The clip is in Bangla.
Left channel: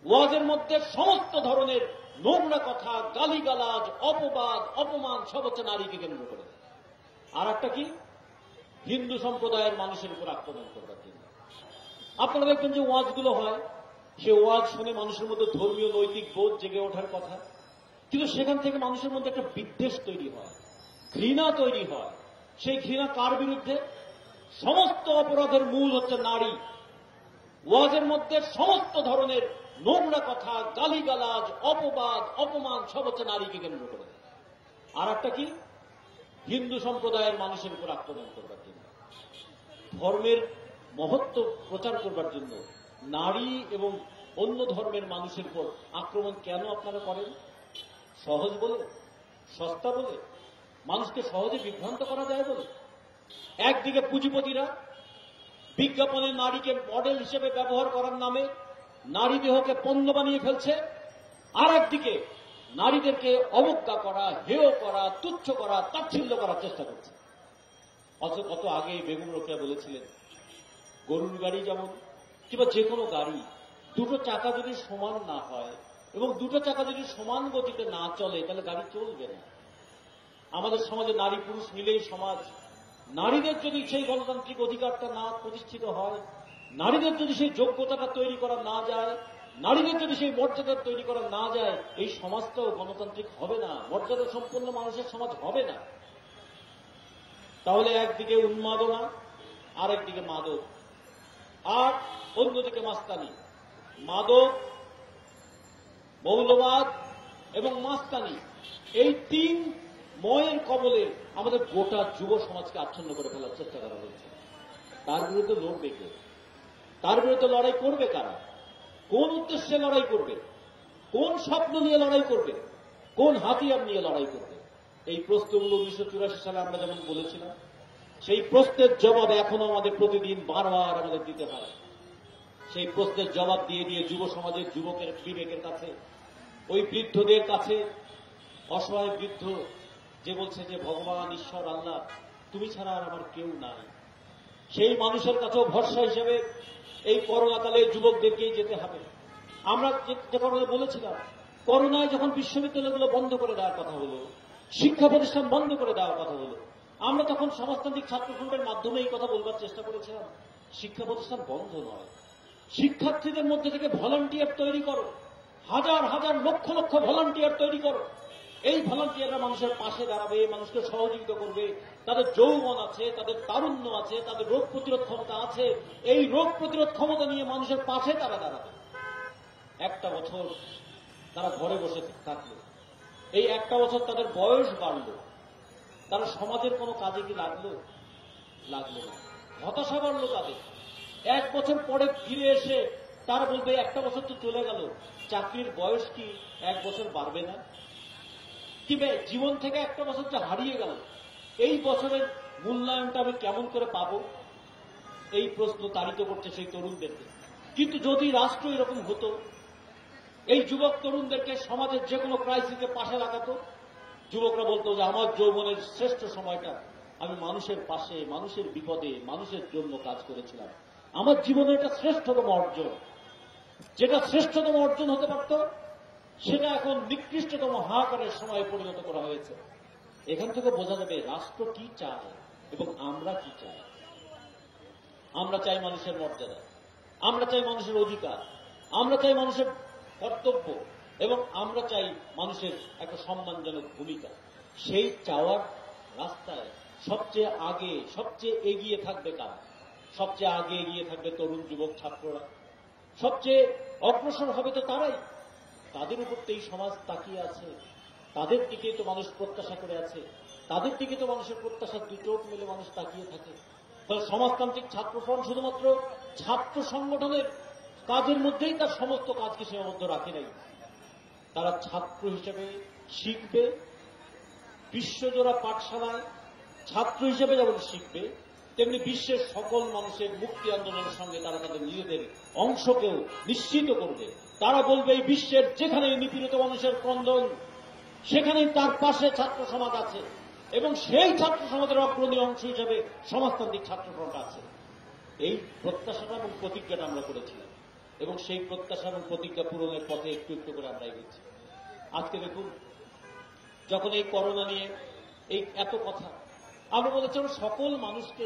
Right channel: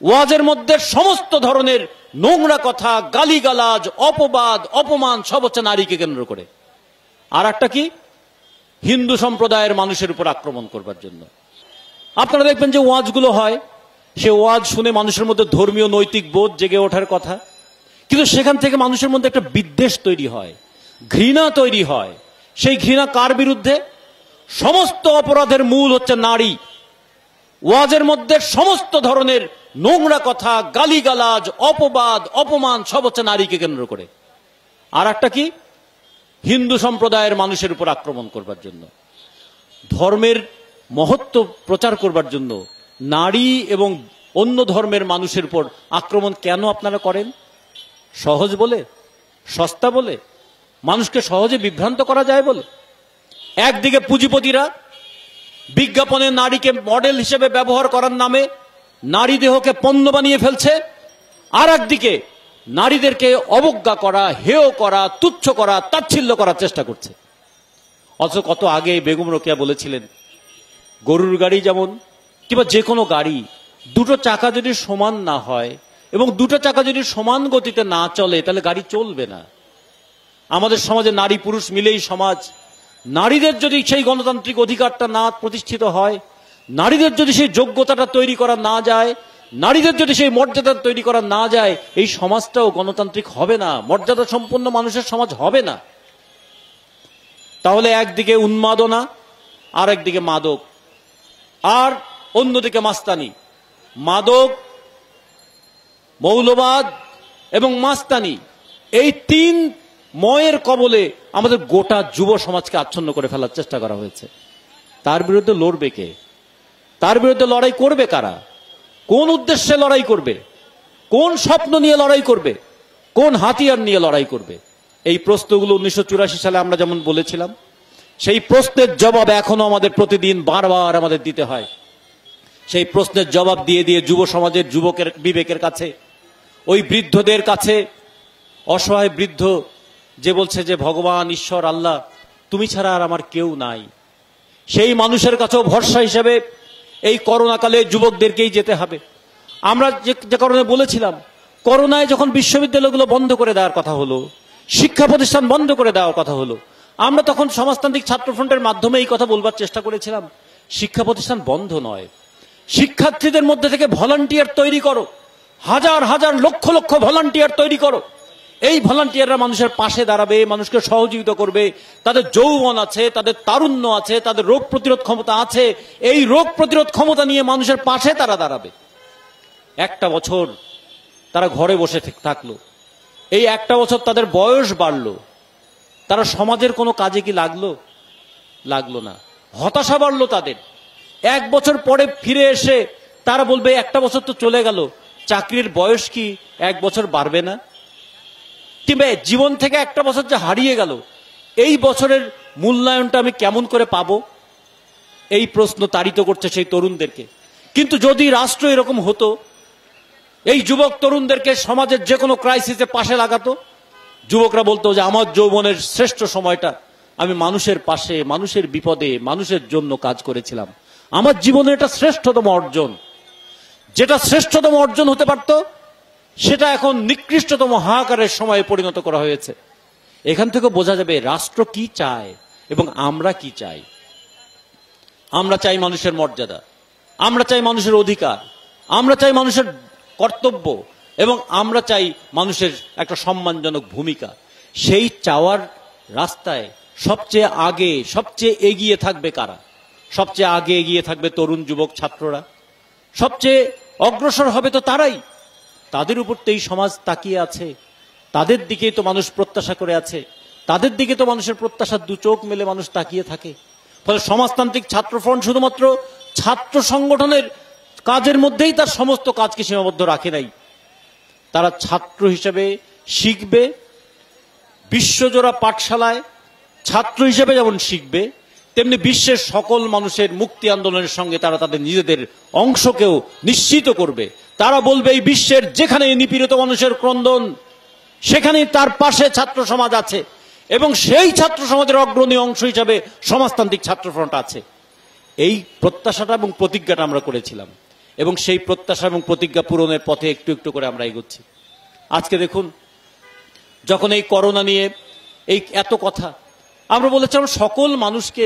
ওয়াজের মধ্যে সমস্ত ধরনের নোংরা কথা, গালিগালাজ, অপবাদ, অপমান সব হচ্ছে নারীকে কেন্দ্র করে। আর একটা কি, হিন্দু সম্প্রদায়ের মানুষের উপর আক্রমণ করবার জন্য। আপনারা দেখবেন যে ওয়াজগুলো হয়, সে ওয়াজ শুনে মানুষের মধ্যে ধর্মীয় নৈতিক বোধ জেগে ওঠার কথা, কিন্তু সেখান থেকে মানুষের মধ্যে একটা বিদ্বেষ তৈরি হয়, ঘৃণা তৈরি হয়। সেই ঘৃণা কার বিরুদ্ধে? সমস্ত অপরাধের মূল হচ্ছে নারী। ওয়াজের মধ্যে সমস্ত ধরনের নোংরা কথা, গালিগালাজ, অপবাদ, অপমান সব হচ্ছে নারীকে কেন্দ্র করে। আর একটা কি, হিন্দু সম্প্রদায়ের মানুষের উপর আক্রমণ করবার জন্য, ধর্মের মহত্ব প্রচার করবার জন্য নারী এবং অন্য ধর্মের মানুষের উপর আক্রমণ কেন আপনারা করেন? সহজ বলে, সস্তা বলে, মানুষকে সহজে বিভ্রান্ত করা যায় বলে। একদিকে পুঁজিপতিরা বিজ্ঞাপনে নারীকে মডেল হিসেবে ব্যবহার করার নামে নারী দেহকে পণ্য বানিয়ে ফেলছে, আর একদিকে নারীদেরকে অবজ্ঞা করা, হেয় করা, তুচ্ছ করা, তাচ্ছিল্য করার চেষ্টা করছে। অথচ কত আগে বেগম রোকেয়া বলেছিলেন, গরুর গাড়ি যেমন কিংবা যে কোনো গাড়ি, দুটো চাকা যদি সমান না হয় এবং দুটো চাকা যদি সমান গতিতে না চলে তাহলে গাড়ি চলবে না। আমাদের সমাজে নারী পুরুষ মিলেই সমাজ। নারীদের যদি সেই গণতান্ত্রিক অধিকারটা না প্রতিষ্ঠিত হয়, নারীদের যদি সেই যোগ্যতাটা তৈরি করা না যায়, নারীদের যদি সেই মর্যাদা তৈরি করা না যায়, এই সমাজটাও গণতান্ত্রিক হবে না, মর্যাদা সম্পন্ন মানুষের সমাজ হবে না। তাহলে একদিকে উন্মাদনা, আর একদিকে মাদক, আর অন্যদিকে মাস্তানি। মাদক, মৌলবাদ এবং মাস্তানি, এই তিন ময়ের কবলে আমাদের গোটা যুব সমাজকে আচ্ছন্ন করে ফেলার চেষ্টা করা হয়েছে। তার বিরুদ্ধে লড়বে কে? তার বিরুদ্ধে লড়াই করবে কারা? কোন উদ্দেশ্যে লড়াই করবে? কোন স্বপ্ন নিয়ে লড়াই করবে? কোন হাতিয়ার নিয়ে লড়াই করবে? এই প্রশ্নগুলো 1984 সালে আমরা যেমন বলেছিলাম, সেই প্রশ্নের জবাব এখনো আমাদের প্রতিদিন বারবার আমাদের দিতে হয়। সেই প্রশ্নের জবাব দিয়ে দিয়ে যুব সমাজের যুবকের বিবেকের কাছে, ওই বৃদ্ধদের কাছে, অসহায় বৃদ্ধ যে বলছে যে ভগবান, ঈশ্বর, আল্লাহ, তুমি ছাড়া আর আমার কেউ নাই, সেই মানুষের কাছেও ভরসা হিসেবে এই করোনাকালে যুবকদেরকেই যেতে হবে। আমরা যে কারণে বলেছিলাম, করোনায় যখন বিশ্ববিদ্যালয়গুলো বন্ধ করে দেওয়ার কথা হলো, শিক্ষা প্রতিষ্ঠান বন্ধ করে দেওয়ার কথা হলো, আমরা তখন সমাজতান্ত্রিক ছাত্রফ্রন্টের মাধ্যমে এই কথা বলবার চেষ্টা করেছিলাম, শিক্ষা প্রতিষ্ঠান বন্ধ নয়, শিক্ষার্থীদের মধ্যে থেকে ভলান্টিয়ার তৈরি করো, হাজার হাজার লক্ষ লক্ষ ভলান্টিয়ার তৈরি করো। এই ভলান্টিয়াররা মানুষের পাশে দাঁড়াবে, মানুষকে সহযোগিতা করবে, তাদের যৌবন আছে, তাদের তারুণ্য আছে, তাদের রোগ প্রতিরোধ ক্ষমতা আছে, এই রোগ প্রতিরোধ ক্ষমতা নিয়ে মানুষের পাশে তারা দাঁড়াবে। একটা বছর তারা ঘরে বসে থাকলো, এই একটা বছর তাদের বয়স বাড়লো, তারা সমাজের কোনো কাজে কি লাগলো? লাগলো না। হতাশা বাড়লো তাদের। এক বছর পরে ফিরে এসে তারা বলবে, একটা বছর তো চলে গেল, চাকরির বয়স কি এক বছর বাড়বে না? কিংবা জীবন থেকে একটা বছর যে হারিয়ে গেল, এই বছরের মূল্যায়নটা আমি কেমন করে পাবো? এই প্রশ্ন তাড়িত করছে সেই তরুণদেরকে। কিন্তু যদি রাষ্ট্র এরকম হতো, এই যুবক তরুণদেরকে সমাজের যে কোনো ক্রাইসিসে পাশে লাগাতো, যুবকরা বলতো যে আমার যৌবনের শ্রেষ্ঠ সময়টা আমি মানুষের পাশে, মানুষের বিপদে, মানুষের জন্য কাজ করেছিলাম, আমার জীবনের এটা শ্রেষ্ঠতম অর্জন। যেটা শ্রেষ্ঠতম অর্জন হতে পারত, সেটা এখন নিকৃষ্টতম হাহাকারের সময়ে পরিণত করা হয়েছে। এখান থেকে বোঝা যাবে রাষ্ট্র কি চায় এবং আমরা কি চাই। আমরা চাই মানুষের মর্যাদা, আমরা চাই মানুষের অধিকার, আমরা চাই মানুষের কর্তব্য, এবং আমরা চাই মানুষের একটা সম্মানজনক ভূমিকা। সেই চাওয়ার রাস্তায় সবচেয়ে আগে, সবচেয়ে এগিয়ে থাকবে কারা? সবচেয়ে আগে এগিয়ে থাকবে তরুণ যুবক ছাত্ররা। সবচেয়ে অগ্রসর হবে তো তারাই। তাদের উপর তো এই সমাজ তাকিয়ে আছে, তাদের দিকেই তো মানুষ প্রত্যাশা করে আছে, তাদের দিকে তো মানুষের প্রত্যাশার দু চোখ মেলে মানুষ তাকিয়ে থাকে। ফলে সমাজতান্ত্রিক ছাত্রফ্রন্ট শুধুমাত্র ছাত্র সংগঠনের কাজের মধ্যেই তার সমস্ত কাজকে সীমাবদ্ধ রাখে নাই। তারা ছাত্র হিসেবে শিখবে, বিশ্বজোড়া পাঠশালায় ছাত্র হিসেবে যেমন শিখবে, তেমনি বিশ্বের সকল মানুষের মুক্তি আন্দোলনের সঙ্গে তারা তাদের নিজেদের অংশকেও নিশ্চিত করবে। তারা বলবে এই বিশ্বের যেখানে নিপীড়িত মানুষের ক্রন্দন, সেখানেই তার পাশে ছাত্র সমাজ আছে, এবং সেই ছাত্র সমাজের অগ্রণী অংশ হিসাবে সমাজতান্ত্রিক ছাত্রফ্রন্ট আছে। এই প্রত্যাশাটা এবং প্রতিজ্ঞাটা আমরা করেছিলাম, এবং সেই প্রত্যাশা এবং প্রতিজ্ঞা পূরণের পথে একটু একটু করে আমরা এগোচ্ছি। আজকে দেখুন, যখন এই করোনা নিয়ে এই এত কথা, আমরা বলেছিলাম সকল মানুষকে